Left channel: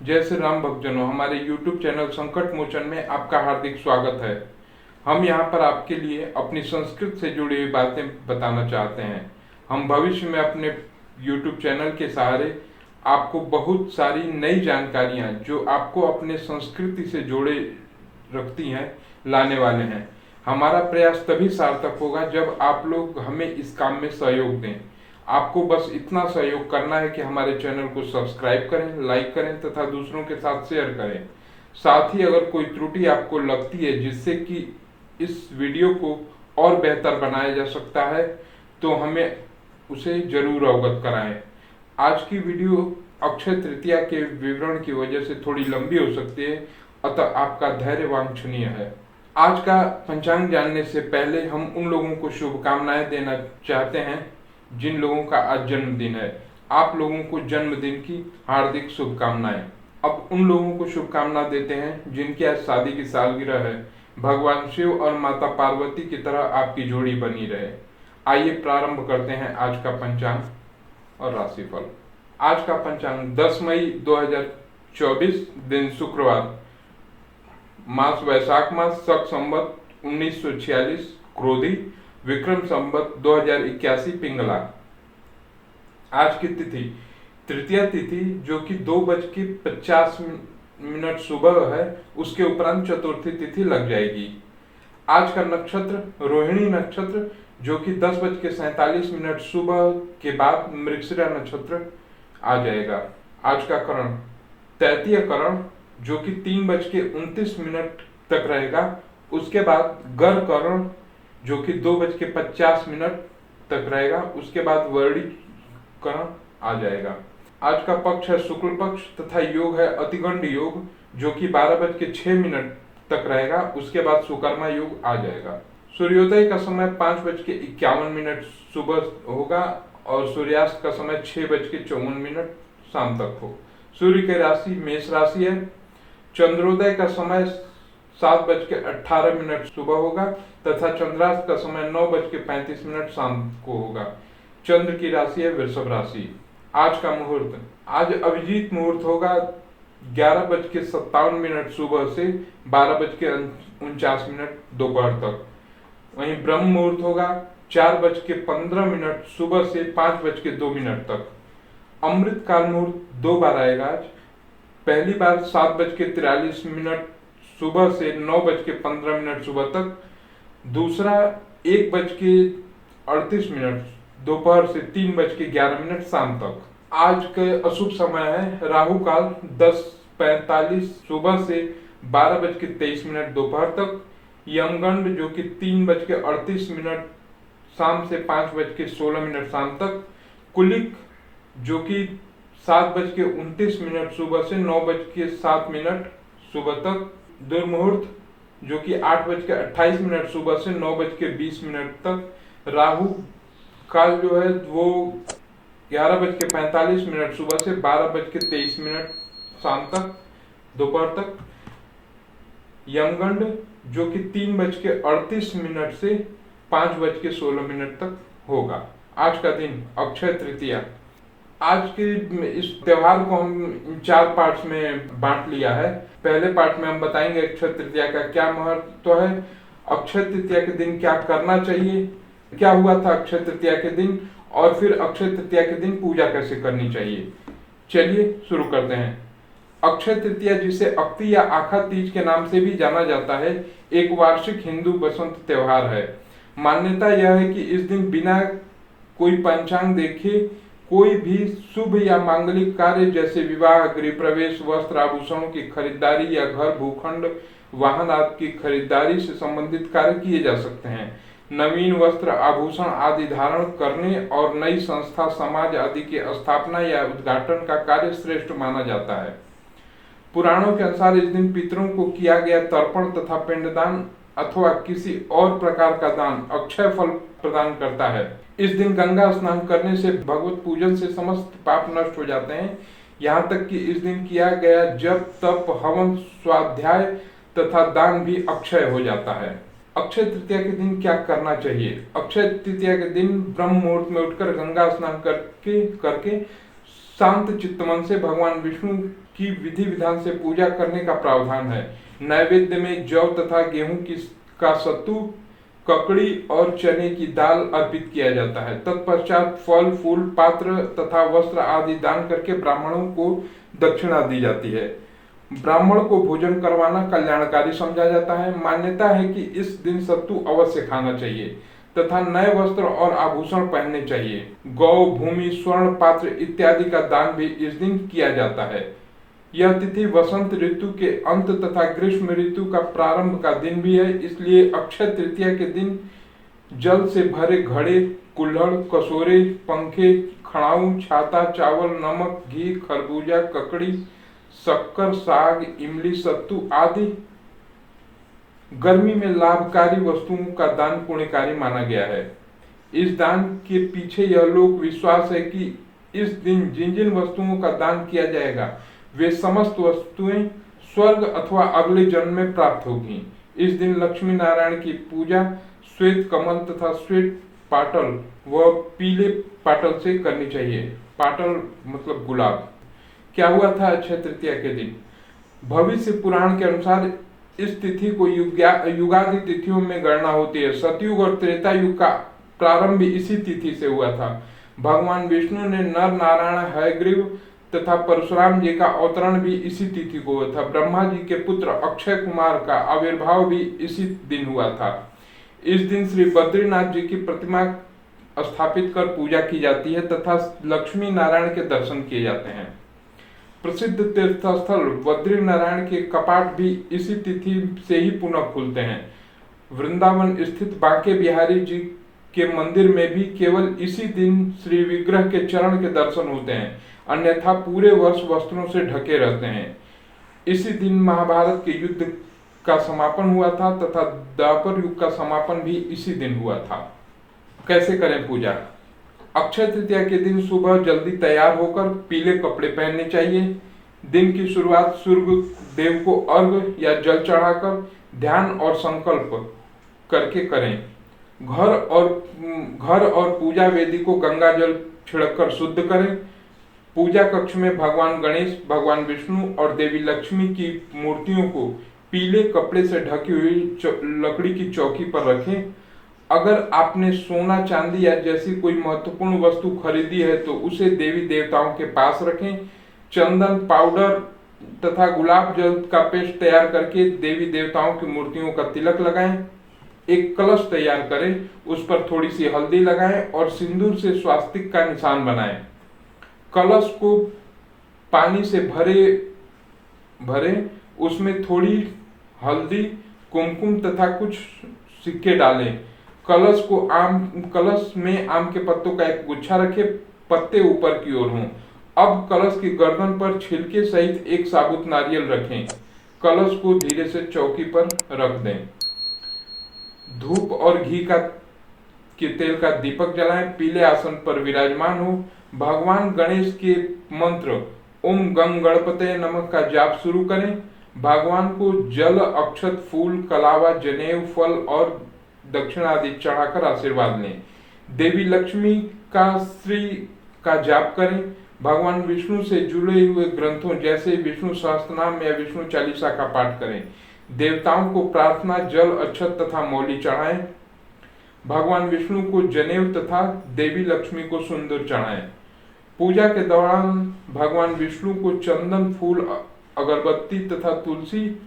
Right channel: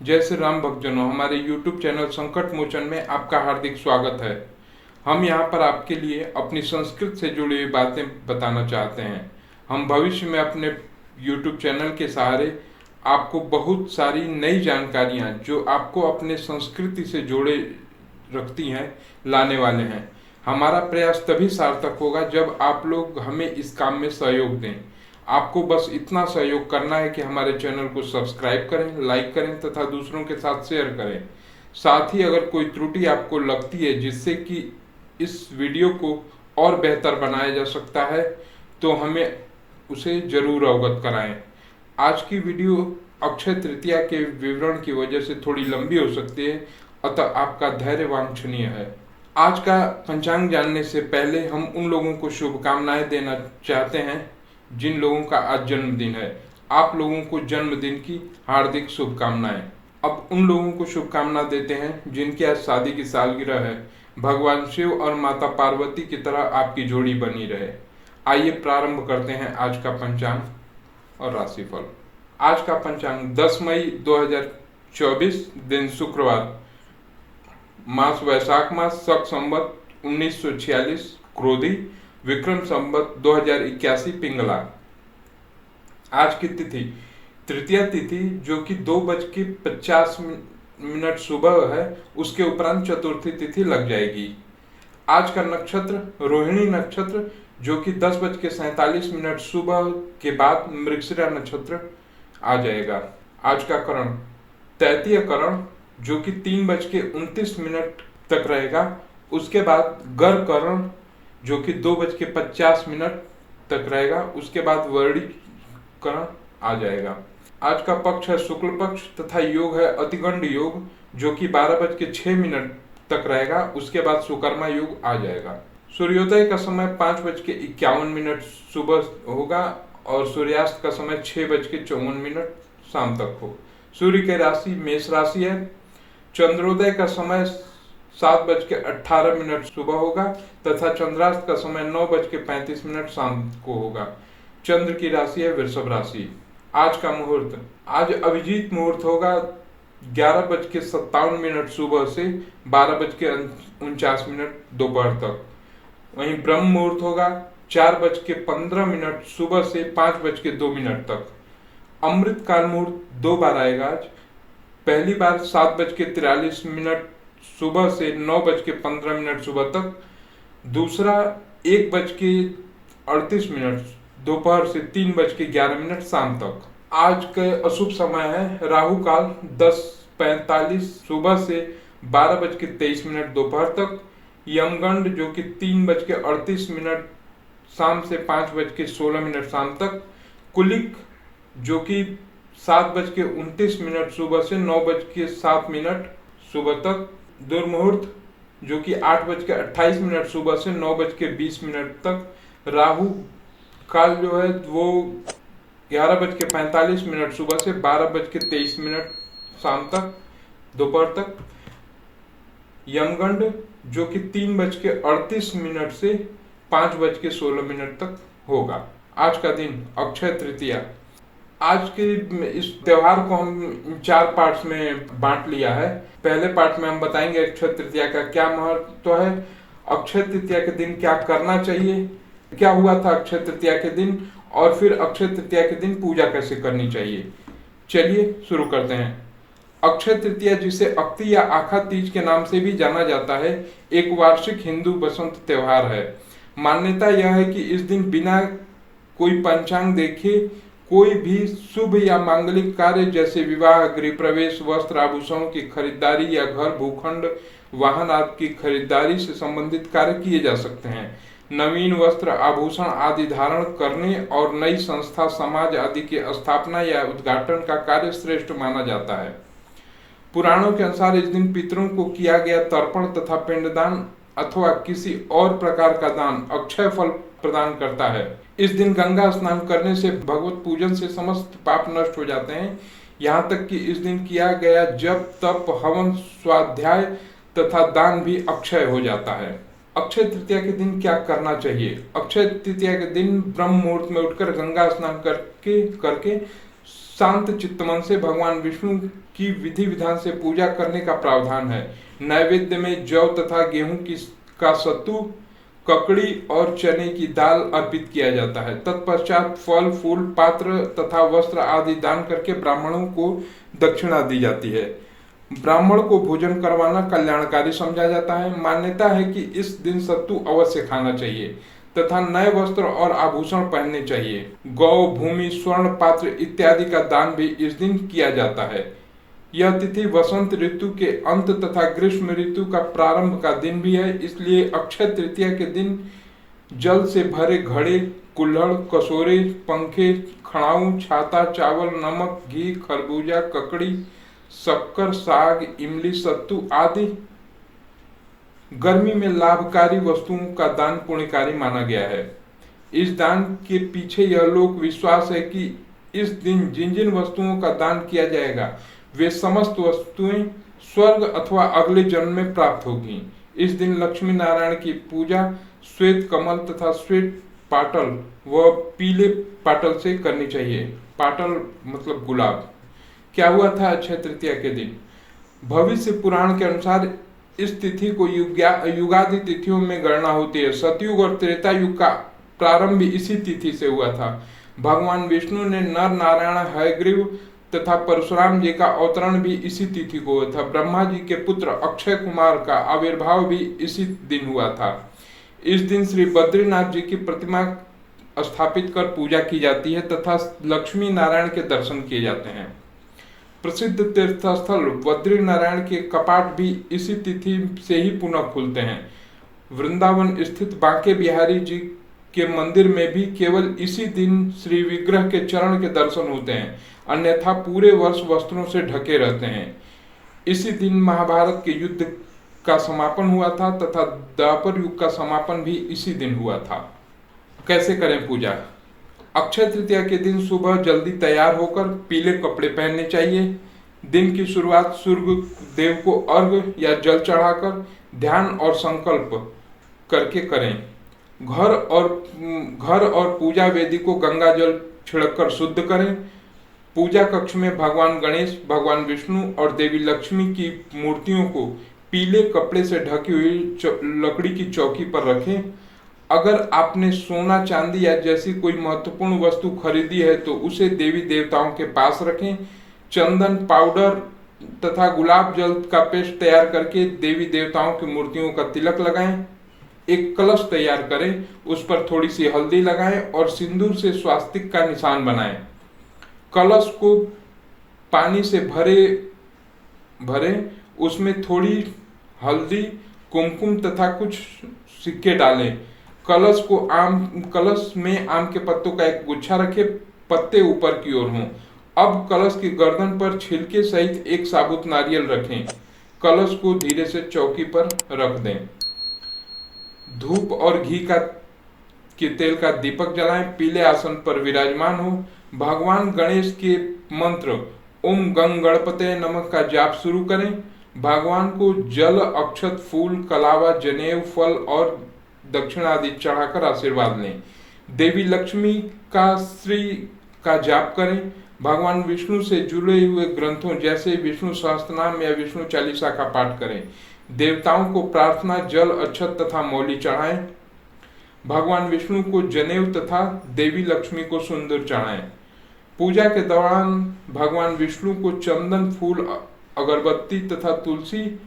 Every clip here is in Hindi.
जय श्री राम भक्तजनों, हमारे YouTube चैनल संकट मोचन में आपका हार्दिक स्वागत है। हम यहाँ पर आपके लिए अपनी संस्कृत से जुड़ी हुई बातें बताना चाहते हैं। हम भविष्य में अपने YouTube चैनल के सहारे आपको बहुत सारी नई जानकारियाँ जो आपको अपने संस्कृति से जोड़े रखती हैं लाने वाले हैं। हमारा प्रयास तभी सार्थक होगा जब आप लोग हमें इस काम में सहयोग दें। आपको बस इतना सहयोग करना है कि हमारे चैनल को सब्सक्राइब करें, लाइक करें तथा दूसरों के साथ शेयर करें। साथ ही अगर कोई त्रुटि आपको लगती है जिससे कि इस वीडियो को और बेहतर बनाया जा सकता है तो हमें उसे जरूर अवगत कराएं। आज की वीडियो अक्षय तृतीया के विवरण की वजह से थोड़ी लंबी हो सकती है, अतः आपका धैर्य वांछनीय है। आज का पंचांग जानने से पहले हम उन लोगों को शुभकामनाएं देना चाहते हैं जिन लोगों का आज जन्मदिन है। आप लोगों को जन्मदिन की हार्दिक शुभकामनाएं। अब उन लोगों को शुभकामना देते हैं जिनकी आज शादी की सालगिरह है। भगवान शिव और माता पार्वती की तरह आपकी जोड़ी बनी रहे। आइए प्रारंभ करते हैं आज का पंचांग और राशिफल। आज का पंचांग 10 मई 2024, दिन शुक्रवार, मास वैशाख मास, शक संवत 1946 क्रोधी, विक्रम संवत 2081 पिंगला। आज की तिथि तृतीया तिथि जो कि 2:50 सुबह है, उसके उपरांत चतुर्थी तिथि लग जाएगी। आज का नक्षत्र रोहिणी नक्षत्र जो कि 10:47 सुबह के बाद मृगशिरा नक्षत्र आ जाएगा। आज का करण तैतीय करण जो कि 3:29 तक रहेगा। उसके बाद गर करण जो कि 2:50 तक रहेगा। उसके बाद वर्णी करण आ जाएगा। आज का पक्ष है शुक्ल पक्ष तथा योग है अतिगंड योग जो कि 12:06 तक रहेगा। उसके बाद सुकर्मा योग आ जाएगा। सूर्योदय का समय 5:51 सुबह होगा और सूर्यास्त का समय 6:54 शाम तक हो। सूर्य की राशि मेष राशि है। चंद्रोदय का समय 7:18 सुबह होगा तथा चंद्रास्त का समय 9:35 शाम को होगा। चंद्र की राशि है वृषभ राशि। आज का मुहूर्त, आज अभिजीत मुहूर्त होगा 11:57 सुबह से 12:49 दोपहर तक। वहीं ब्रह्म मुहूर्त होगा 4:15 सुबह से 5:02 तक। अमृत काल मुहूर्त 2 बार आएगा आज। पहली बार 7:43 सुबह से 9:15 सुबह तक। दूसरा 1:38 दोपहर से 3:11 शाम तक। आज के अशुभ समय है राहु काल 10:45 सुबह से 12:23 दोपहर तक। यमगंड जो कि 3:38 शाम से 5:16 शाम तक। कुलिक जो कि 7:29 सुबह से 9:07 सुबह तक। दुर्मुहूर्त जो कि 8:28 सुबह से 9:20 तक। राहु काल जो है वो 11:45 सुबह से 12:23 शाम तक दोपहर तक। यमगंड जो कि 3:38 से 5:16 तक होगा। आज का दिन अक्षय तृतीया। आज के इस त्योहार को हम 4 पार्ट्स में बांट लिया है। पहले पार्ट में हम बताएंगे अक्षय तृतीया का क्या महत्व है, अक्षय तृतीया के दिन क्या करना चाहिए, क्या हुआ था अक्षय तृतीया के दिन, और फिर अक्षय तृतीया के दिन पूजा कैसे करनी चाहिए। चलिए शुरू करते हैं। अक्षय तृतीया जिसे अक्ति या आखा तीज के नाम से भी जाना जाता है, एक वार्षिक हिंदू बसंत त्योहार है। मान्यता यह है कि इस दिन बिना कोई पंचांग देखे कोई भी शुभ या मांगलिक कार्य जैसे विवाह, गृह प्रवेश, वस्त्र आभूषणों की खरीदारी या घर भूखंड वाहन आदि की खरीदारी से संबंधित कार्य किए जा सकते हैं। नवीन वस्त्र आभूषण आदि धारण करने और नई संस्था समाज आदि की स्थापना या उद्घाटन का कार्य श्रेष्ठ माना जाता है। पुराणों के अनुसार इस दिन पितरों को किया गया तर्पण तथा पिंडदान अथवा किसी और प्रकार का दान अक्षय फल प्रदान करता है। इस दिन गंगा स्नान करने से भगवत पूजन से समस्त पाप नष्ट हो जाते हैं। यहाँ तक कि इस दिन किया गया जप, तप, हवन, स्वाध्याय तथा दान भी अक्षय हो जाता है। अक्षय तृतीया के दिन क्या करना चाहिए। अक्षय तृतीया के दिन ब्रह्म मुहूर्त में उठकर गंगा स्नान करके शांत चित्तमन से भगवान विष्णु की विधि विधान से पूजा करने का प्रावधान है। नैवेद्य में जौ तथा गेहूं का सत्तू, ककड़ी और चने की दाल अर्पित किया जाता है। तत्पश्चात फल, फूल, पात्र तथा वस्त्र आदि दान करके ब्राह्मणों को दक्षिणा दी जाती है। ब्राह्मण को भोजन करवाना कल्याणकारी समझा जाता है। मान्यता है कि इस दिन सत्तू अवश्य खाना चाहिए तथा नए वस्त्र और आभूषण पहनने चाहिए। गौ, भूमि, स्वर्ण पात्र इत्यादि का दान भी इस दिन किया जाता है। यह तिथि वसंत ऋतु के अंत तथा ग्रीष्म ऋतु का प्रारंभ का दिन भी है, इसलिए अक्षय तृतीया के दिन जल से भरे घड़े, कुल्हड़, कसोरे, पंखे, खड़ाऊ, छाता, चावल, नमक, घी, खरबूजा, ककड़ी, शक्कर, साग, इमली, सत्तू आदि गर्मी में लाभकारी वस्तुओं का दान पुण्यकारी माना गया है। इस दान के पीछे यह लोक विश्वास है कि इस दिन जिन जिन वस्तुओं का दान किया जाएगा वे समस्त वस्तुएं स्वर्ग अथवा अगले जन्म में प्राप्त होगी। इस दिन लक्ष्मी नारायण की पूजा श्वेत कमल तथा श्वेत पाटल व पीले पाटल से करनी चाहिए। पाटल मतलब गुलाब। क्या हुआ था अक्षय तृतीया के दिन? भविष्य पुराण के अनुसार इस तिथि को युगादि तिथियों में गणना होती है। सतयुग और त्रेता युग का प्रारंभ भी इसी तिथि से हुआ था। भगवान विष्णु ने नर नारायण, हयग्रीव तथा परशुराम जी का अवतरण भी इसी तिथि को हुआ था। ब्रह्मा जी के पुत्र अक्षय कुमार का आविर्भाव भी इसी दिन हुआ था। इस दिन श्री बद्रीनाथ जी की प्रतिमा स्थापित कर पूजा की जाती है तथा लक्ष्मी नारायण के दर्शन किए जाते हैं। प्रसिद्ध तीर्थस्थल बद्री नारायण के कपाट भी इसी तिथि से ही पुनः खुलते हैं। वृंदावन स्थित बांके बिहारी जी के मंदिर में भी केवल इसी दिन श्री विग्रह के चरण के दर्शन होते हैं, अन्यथा पूरे वर्ष वस्त्रों से ढके रहते हैं। इसी दिन महाभारत के युद्ध का समापन हुआ था तथा द्वापर युग का समापन भी इसी दिन हुआ था। कैसे करें पूजा? अक्षय तृतीया के दिन सुबह जल्दी तैयार होकर पीले कपड़े पहनने चाहिए। दिन की शुरुआत सूर्य देव को अर्घ्य या जल चढ़ाकर ध्यान और संकल्प करके करें। घर और पूजा वेदी को गंगा जल छिड़ककर शुद्ध करें। पूजा कक्ष में भगवान गणेश, भगवान विष्णु और देवी लक्ष्मी की मूर्तियों को पीले कपड़े से ढकी हुई लकड़ी की चौकी पर रखें। अगर आपने सोना, चांदी या जैसी कोई महत्वपूर्ण वस्तु खरीदी है तो उसे देवी देवताओं के पास रखें। चंदन, पाउडर तथा गुलाब जल का पेस्ट तैयार करके देवी देवताओं की मूर्तियों का तिलक लगाएं। एक कलश तैयार करें, उस पर थोड़ी सी हल्दी लगाएं और सिंदूर से स्वास्तिक का निशान बनाएं। कलश को पानी से भरे उसमें थोड़ी हल्दी, कुमकुम तथा कुछ सिक्के डालें। कलश में आम के पत्तों का एक गुच्छा रखें, पत्ते ऊपर की ओर हों। अब कलश की गर्दन पर छिलके सहित एक साबुत नारियल रखें। कलश को धीरे से चौकी पर रख दें। धूप और घी के तेल का दीपक जलाएं। पीले आसन पर विराजमान हो। भगवान गणेश के मंत्र ओम गंग गणपते नमः का जाप शुरू करें। भगवान को जल, अक्षत, फूल, कलावा, जनेऊ, फल और दक्षिणा आदि चढ़ाकर आशीर्वाद लें। देवी लक्ष्मी का श्री का जाप करें। भगवान विष्णु से जुड़े हुए ग्रंथों जैसे विष्णु सहस्त्रनाम या विष्णु चालीसा का पाठ करें। देवताओं को प्रार्थना, जल, अक्षत तथा मौली चढ़ाएं। भगवान विष्णु को जनेऊ तथा देवी लक्ष्मी को सिंदूर चढ़ाएं। पूजा के दौरान भगवान विष्णु को चंदन, फूल, अगरबत्ती तथा तुलसी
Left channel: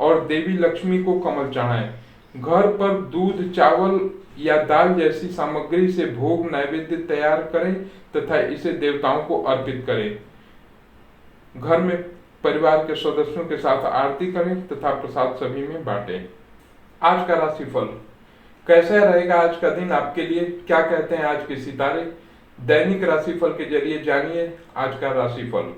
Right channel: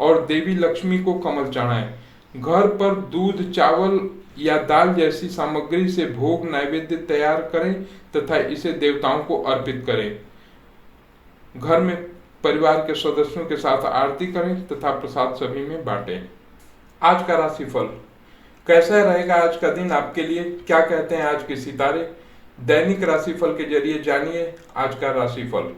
और देवी लक्ष्मी को कमल चढ़ाएं। घर पर दूध, चावल या दाल जैसी सामग्री से भोग नैवेद्य तैयार करें तथा इसे देवताओं को अर्पित करें। घर में परिवार के सदस्यों के साथ आरती करें तथा प्रसाद सभी में बांटें। आज का राशिफल कैसा रहेगा? आज का दिन आपके लिए क्या कहते हैं आज के सितारे? दैनिक राशिफल के जरिए जानिए आज का राशिफल।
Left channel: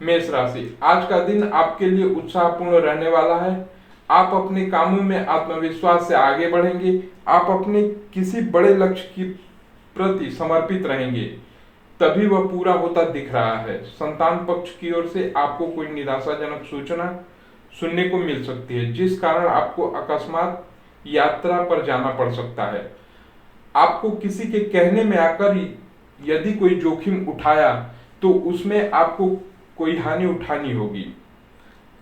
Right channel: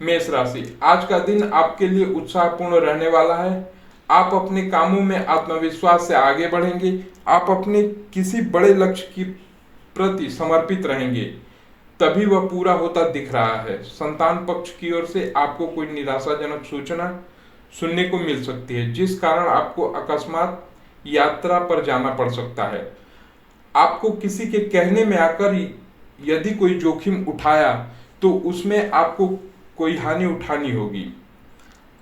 मेष राशि, आज का दिन आपके लिए उत्साहपूर्ण रहने वाला है। आप अपने कामों में आत्मविश्वास से आगे बढ़ेंगे। आप अपने किसी बड़े लक्ष्य की प्रति समर्पित रहेंगे, तभी वह पूरा होता दिख रहा है। संतान पक्ष की ओर से आपको कोई निराशाजनक सूचना सुनने को मिल सकती है, जिस कारण आपको अकस्मात यात्रा पर जाना पड़ सकता है। आपको किसी के कहने में आकर यदि कोई जोखिम उठाया तो उसमें आपको कोई हानि उठानी होगी।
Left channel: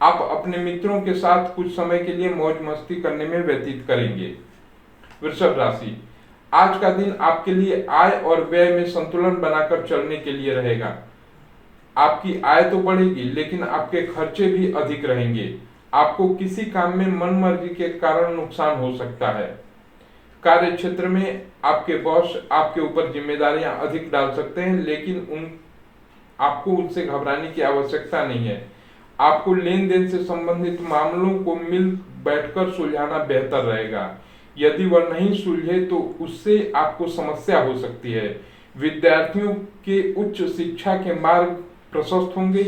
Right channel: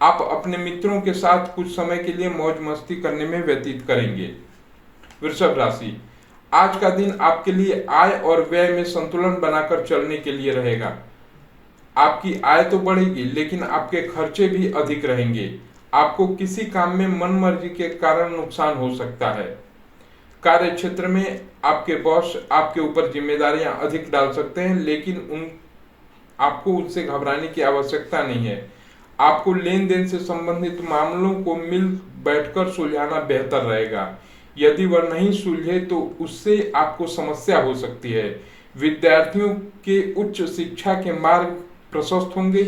आप अपने मित्रों के साथ कुछ समय के लिए मौज मस्ती करने में व्यतीत करेंगे। वृषभ राशि, आज का दिन आपके लिए आय और व्यय में संतुलन बनाकर चलने के लिए रहेगा। आपकी आय तो बढ़ेगी लेकिन आपके खर्चे भी अधिक रहेंगे। आपको किसी काम में मनमर्जी के कारण नुकसान हो सकता है। कार्य क्षेत्र में आपके बॉस आपके ऊपर जिम्मेदारियां अधिक डाल सकते हैं, लेकिन आपको उनसे घबराने की आवश्यकता नहीं है। आपको लेन देन से संबंधित मामलों को मिल बैठकर सुलझाना बेहतर रहेगा। यदि वह नहीं सुलझे तो उससे आपको समस्या हो सकती है। विद्यार्थियों के उच्च शिक्षा के मार्ग प्रशस्त होंगे।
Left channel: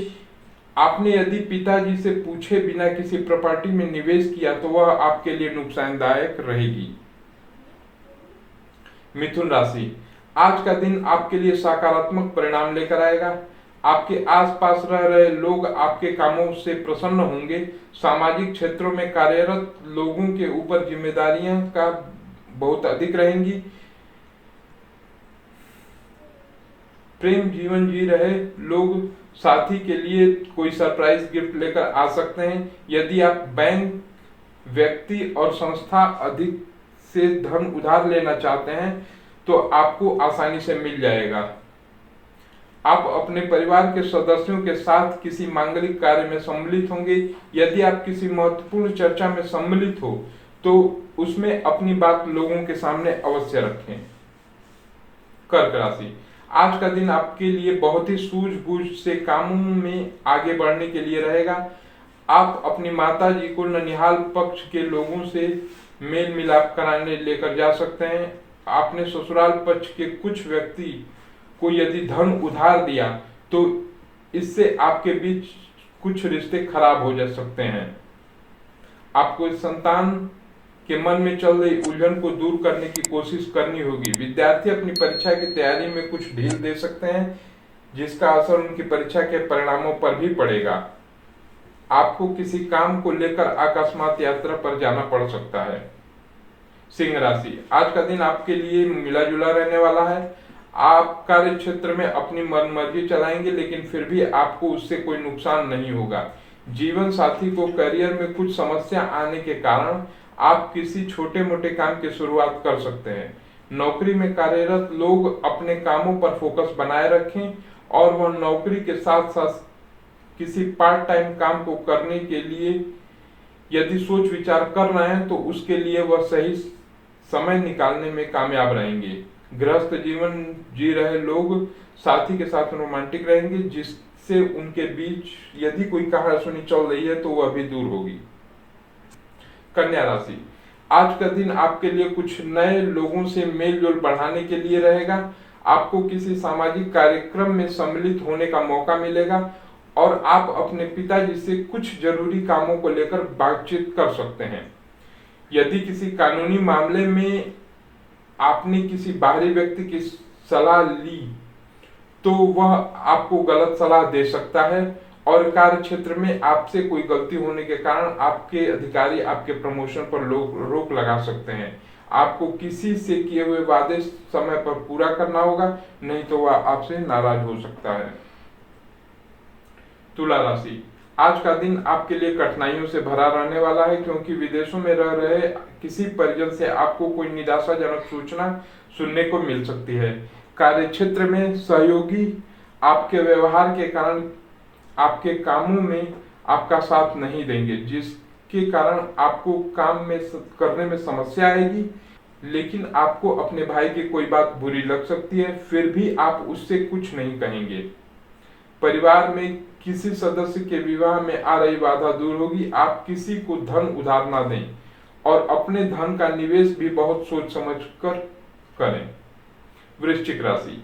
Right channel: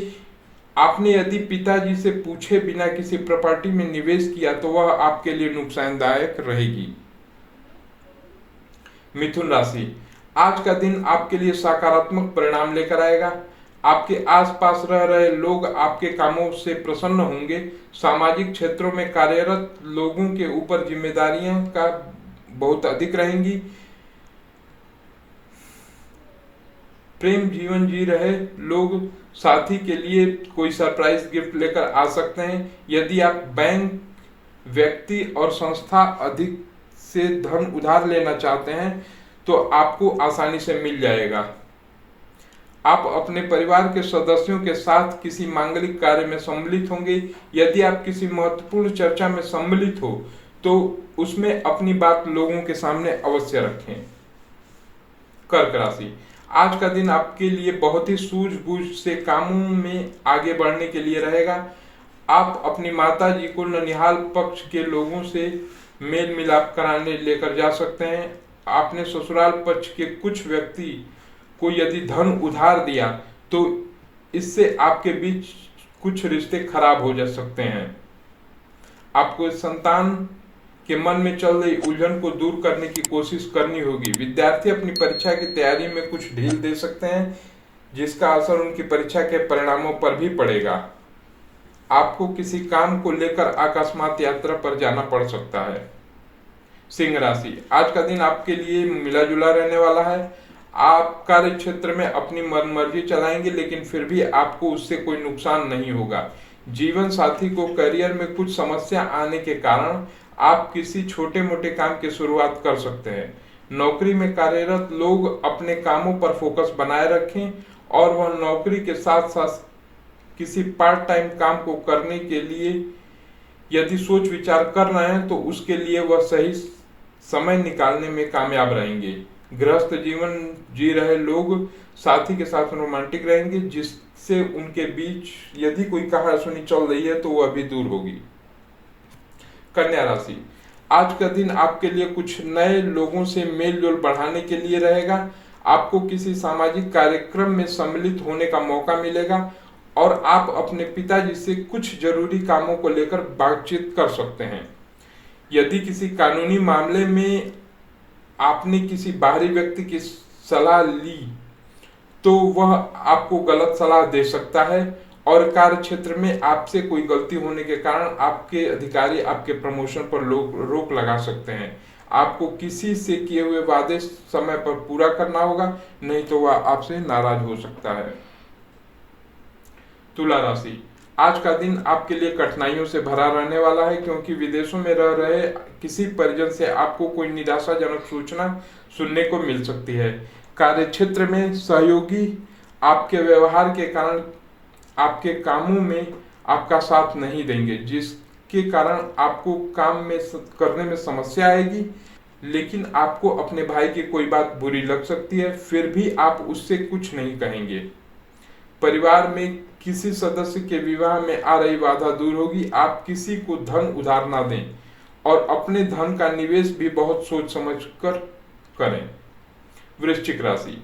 आपने यदि पिताजी से पूछे बिना किसी प्रॉपर्टी में निवेश किया तो वह आपके लिए नुकसानदायक रहेगी। मिथुन राशि, आज का दिन आपके लिए सकारात्मक परिणाम लेकर आएगा। आपके आसपास रह रहे लोग आपके कामों से प्रसन्न होंगे। सामाजिक क्षेत्रों में कार्यरत लोगों के ऊपर जिम्मेदारियां का बहुत अधिक रहेंगी। प्रेम जीवन जी रहे लोग साथी के लिए कोई सरप्राइज गिफ्ट लेकर आ सकते हैं। यदि आप बैंक, व्यक्ति और संस्था अधिक से धन उधार लेना चाहते हैं तो आपको आसानी से मिल जाएगा। आप अपने परिवार के सदस्यों के साथ किसी मांगलिक कार्य में सम्मिलित होंगे। यदि आप किसी महत्वपूर्ण चर्चा में सम्मिलित हो तो उसमें अपनी बात लोगों के सामने अवश्य रखें। कर्क राशि, आज का दिन आपके लिए बहुत ही सूझबूझ से कामों में आगे बढ़ने के लिए रहेगा। आप अपनी माता जी को ननिहाल पक्ष के लोगों से मेल मिलाप कराने लेकर जा सकते हैं। आपने ससुराल पक्ष के कुछ व्यक्ति को यदि धन उधार दिया तो इससे आपके बीच कुछ रिश्ते खराब हो जा सकते हैं। आपको संतान के मन में चल रही उलझन को दूर करने की कोशिश करनी होगी। विद्यार्थी अपनी परीक्षा की तैयारी में कुछ ढील दे सकते हैं, जिसका असर उनकी परीक्षा के परिणामों पर भी पड़ेगा। आपको किसी काम को लेकर अकस्मात यात्रा पर जाना पड़ सकता है। सिंह राशि, आज का दिन आपके लिए मिला जुला रहने वाला है। आप कार्य क्षेत्र में अपनी मनमर्जी चलाएंगे, लेकिन फिर भी आपको उससे कोई नुकसान नहीं होगा। जीवन साथी को करियर में कुछ समस्या आने के कारण आप किसी छोटे मोटे काम की शुरुआत कर सकते हैं। नौकरी में कार्यरत लोग अपने कामों पर फोकस बनाए रखें और वह नौकरी के साथ साथ किसी पार्ट टाइम काम को करने के लिए यदि सोच विचार कर रहे हैं तो उसके लिए वह सही समय निकालने में कामयाब रहेंगे। गृहस्थ जीवन जी रहे लोग साथी के साथ रोमांटिक रहेंगे, जिससे उनके बीच यदि कोई कहासुनी चल रही है तो वह भी दूर होगी। कन्या राशि, आज का दिन आपके लिए कुछ नए लोगों से मेल जोल बढ़ाने के लिए रहेगा। आपको किसी सामाजिक कार्यक्रम में सम्मिलित होने का मौका मिलेगा और आप अपने पिताजी से कुछ जरूरी कामों को लेकर बातचीत कर सकते हैं। यदि किसी कानूनी मामले में आपने किसी बाहरी व्यक्ति की सलाह ली तो वह आपको गलत सलाह दे सकता है और कार्य क्षेत्र में आपसे कोई गलती होने के कारण आपके अधिकारी आपके प्रमोशन पर रोक लगा सकते हैं। आपको किसी से किए हुए वादे समय पर पूरा करना होगा, नहीं तो वह आपसे नाराज हो सकता है। तुला राशि, आज का दिन आपके लिए कठिनाइयों से भरा रहने वाला है, क्योंकि विदेशों में रह रहे किसी परिजन से आपको कोई निराशाजनक सूचना सुनने को मिल सकती है। कार्य क्षेत्र में सहयोगी आपके व्यवहार के कारण आपके कामों में आपका साथ नहीं देंगे, जिसके कारण आपको काम में करने में समस्या आएगी। लेकिन आपको अपने भाई की कोई बात बुरी लग सकती है, फिर भी आप उससे कुछ नहीं कहेंगे। परिवार में किसी सदस्य के विवाह में आ रही बाधा दूर होगी। आप किसी को धन उधार ना दें और अपने धन का निवेश भी बहुत सोच समझ कर करें। वृश्चिक राशि,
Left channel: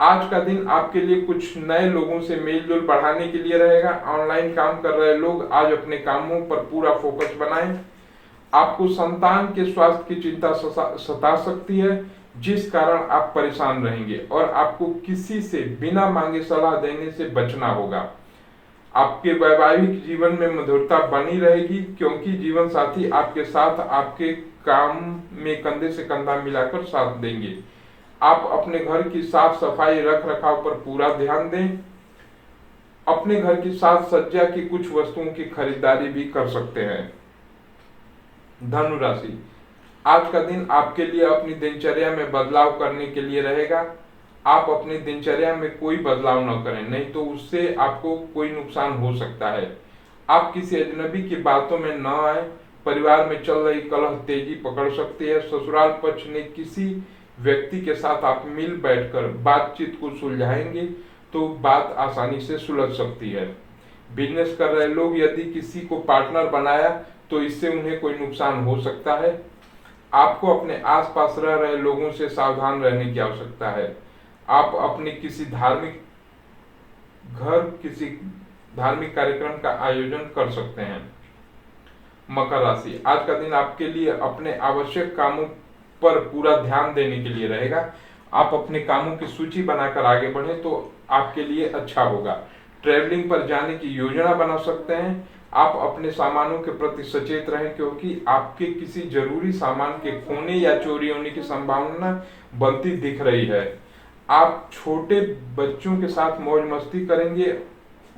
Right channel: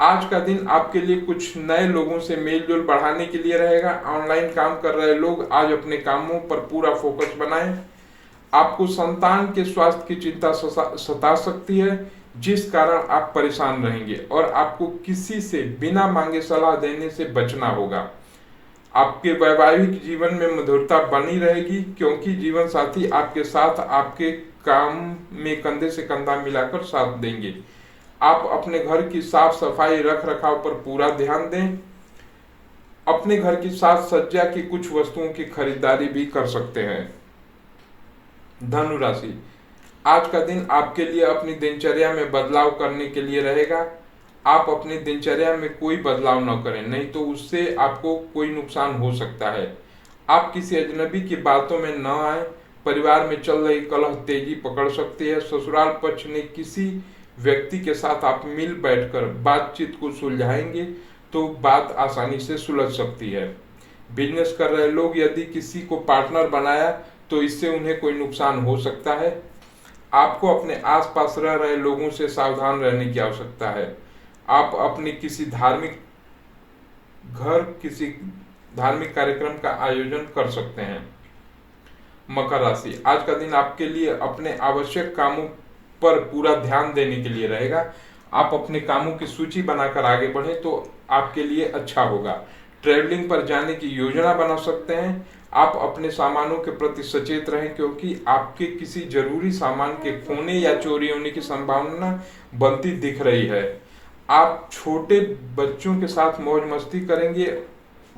आज का दिन आपके लिए कुछ नए लोगों से मेल जोल बढ़ाने के लिए रहेगा। ऑनलाइन काम कर रहे लोग आज अपने कामों पर पूरा फोकस बनाएं। आपको संतान के स्वास्थ्य की चिंता सता सकती है, जिस कारण आप परेशान रहेंगे और आपको किसी से बिना मांगे सलाह देने से बचना होगा। आपके वैवाहिक जीवन में मधुरता बनी रहेगी, क्योंकि जीवन साथी आपके साथ आपके काम में कंधे से कंधा मिलाकर साथ देंगे। आप अपने घर की साफ सफाई रख रखाव पर पूरा ध्यान दें। अपने घर की साज सज्जा की कुछ वस्तुओं की खरीदारी भी कर सकते हैं। धनु राशि, आज का दिन आपके लिए अपनी दिनचर्या में बदलाव करने के लिए रहेगा। आप अपनी दिनचर्या में कोई बदलाव न करें, नहीं तो उससे आपको कोई नुकसान हो सकता है। आप किसी अजनबी की बातों में न आए। परिवार में चल रही कलह तेजी पकड़ सकती है। ससुराल पक्ष ने किसी व्यक्ति के साथ आप मिल बैठकर बातचीत को सुलझाएंगे तो बात आसानी से सुलझ सकती है। बिजनेस कर रहे लोग यदि किसी को पार्टनर बनाया तो इससे उन्हें कोई नुकसान हो सकता है। आपको अपने आसपास रह रहे लोगों से सावधान रहने की आवश्यकता है। आप अपने किसी धार्मिक कार्यक्रम का आयोजन कर सकते हैं। मकर राशि, आज का दिन आपके लिए अपने आवश्यक कामों पर पूरा ध्यान देने के लिए रहेगा। आप अपने कामों की सूची बनाकर आगे बढ़े तो आपके लिए अच्छा होगा। ट्रैवलिंग पर जाने की योजना बना सकते हैं। आप अपने सामानों के प्रति सचेत रहें, क्योंकि आपके किसी जरूरी सामान के खोने या चोरी होने की संभावना बनती दिख रही है। आप छोटे बच्चों के साथ मौज मस्ती करेंगे,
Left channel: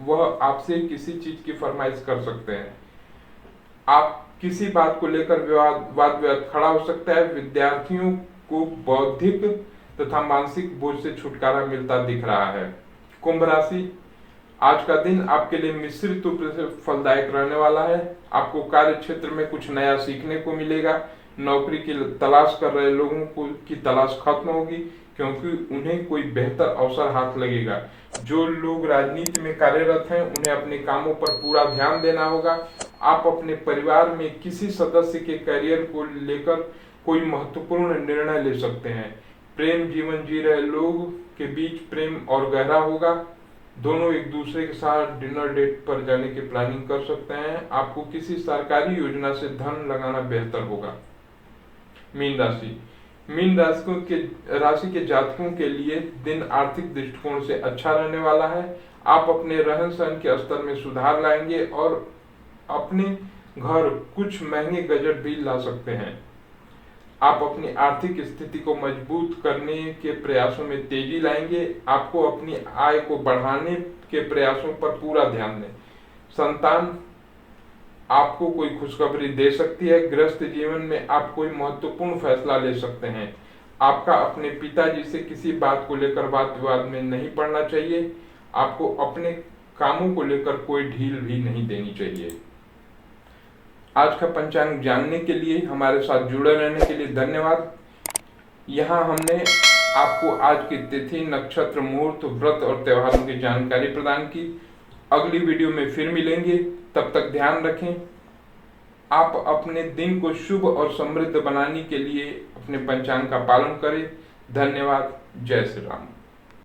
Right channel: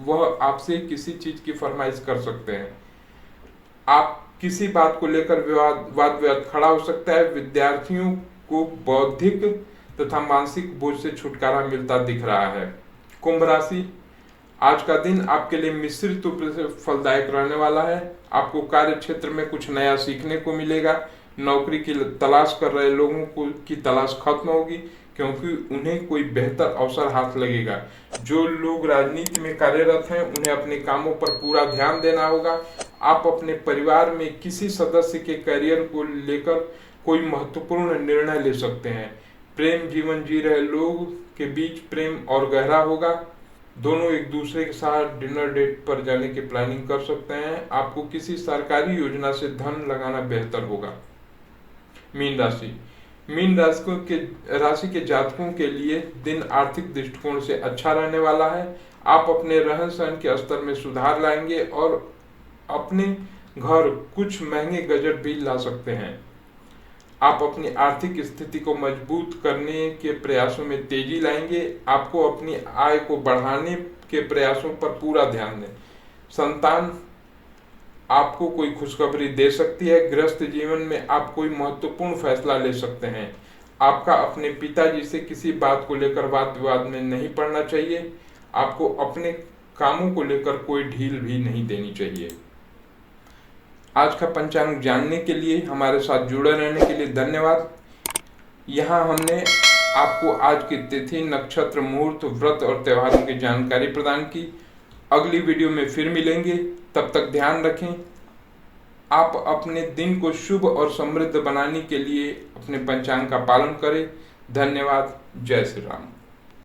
वह आपसे किसी चीज की फरमाइश कर सकते हैं। आप किसी बात को लेकर वाद विवाद खड़ा हो सकता है। विद्यार्थियों को बौद्धिक तथा मानसिक बोझ से छुटकारा मिलता दिख रहा है। कुंभ राशि, आज का दिन आपके लिए मिश्रित रूप से फलदायक रहने वाला है। आपको कार्य क्षेत्र में कुछ नया सीखने को मिलेगा। नौकरी की तलाश कर रहे लोगों की तलाश खत्म होगी, क्योंकि उन्हें कोई बेहतर अवसर हाथ लगेगा। जो लोग राजनीति में कार्यरत हैं उन्हें अपने कामों पर पूरा ध्यान देना होगा। आप अपने परिवार में किसी सदस्य के करियर को लेकर कोई महत्वपूर्ण निर्णय ले सकते हैं। प्रेम जीवन जी रहे लोग के बीच प्रेम और गहरा होगा। दोनों एक दूसरे के साथ डिनर डेट पर जाने की प्लानिंग कर सकते हैं। आपको किसी सरकारी योजना से धन लगाना बेहतर होगा। मीन राशि के जातकों के लिए दिन आर्थिक दृष्टिकोण से अच्छा रहने वाला है। आप अपने रहन सहन के स्तर में सुधार लाएंगे और अपने घर कुछ महंगे गजट भी ला सकते हैं। आप अपनी आर्थिक स्थिति को मजबूत करने के प्रयासों में तेजी लाएंगे। आपको अपनी आय को बढ़ाने के प्रयासों पर पूरा ध्यान दें। संतान आपको कोई खुशखबरी दे सकती है। गृहस्थ जीवन में आप कोई महत्वपूर्ण फैसला ले सकते हैं। आपका अपने पिताजी से किसी बात को लेकर वाद विवाद में नहीं पड़ना चाहिए। आपको अपने कामों को लेकर कोई ढील भी नहीं देनी चाहिए। आज का पंचांग जानने के लिए हमारे साथ जुड़े रहने के लिए धन्यवाद। यहाँ हमने आपको आज की तिथि, नक्षत्र, मुहूर्त, व्रत और त्योहारों की जानकारी प्रदान की। अगली वीडियो में फिर मिलेंगे, तब तक ध्यान रखें। आप अपने दिन को शुभ और समृद्ध बनाने के लिए अपने पंचांग का पालन करें। धन्यवाद। जय श्री राम।